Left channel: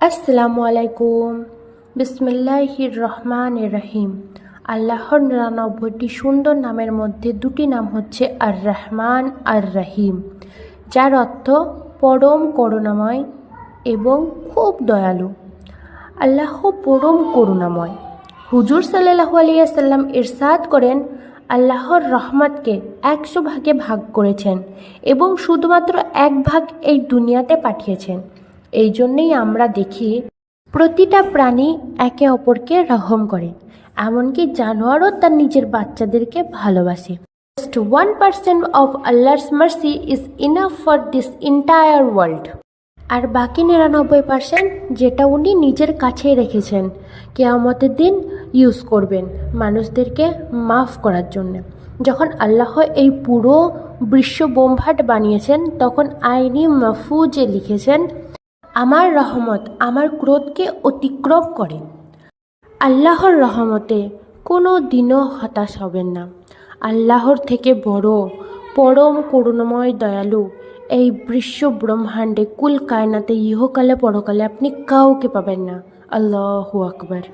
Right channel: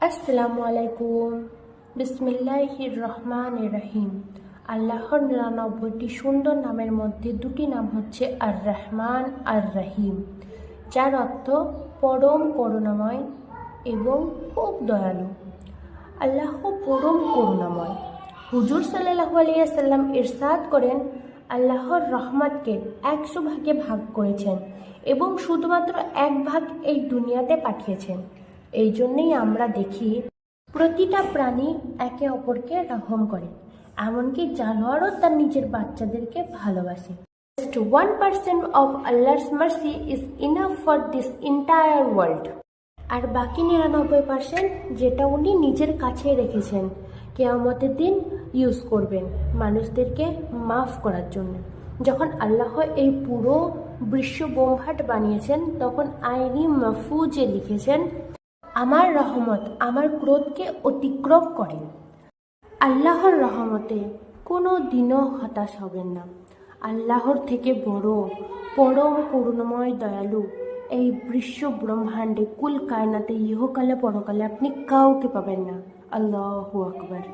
আসসালামু আলাইকুম। বিসমিল্লাহির রহমানির রহিম। আল্লাহর ৯৯টি সুন্দর নামের মধ্যে দুটি নাম হচ্ছে আর রহমান আর রহিম, যার অর্থ পরম করুণাময় এবং খুব দয়ালু। আল্লাহ পরম করুণাময়। হুজুর সাল্লাল্লাহু আলাইহি সাল্লাম ইরশাদ করেন, আল্লাহর রহমতকে ১০০ ভাগে ভাগ করেছেন এবং শুধুমাত্র এক ভাগ এই দুনিয়াতে পাঠিয়েছেন। এই জন্যেই আমরা দেখি প্রতিটা প্রাণী একে অপরকে রহম করে, এমনকি জানোয়ারও তার নিজের বাচ্চাদেরকে ভালোবাসে। Just 1% of Allah's mercy is enough for this entire world. আর বাকি ৯৯% যেটা উনি নিজের কাছেই রেখেছেন, কিয়ামতের দিন ইউজ করবেন মানুষদেরকে মাফ করার জন্য। যখন আল্লাহ এই পুরো বিশ্ব ব্রহ্মাণ্ড বানিয়েছেন, তখন আইনি মাহফুজে লিখেছেন, আমার রহমত আমার ক্রোধকে অতিক্রম করে। আল্লাহর রহমতে কোনো দিনও হতাশ হবেন না। আল্লাহর থেকে বড় পরম করুণাময় দয়ালু এই বিশ্ব ব্রহ্মাণ্ডে কুল কায়নাতে ইহকালে পরকালে আপনি কাউকে পাবেন না। আল্লাহু আকবার।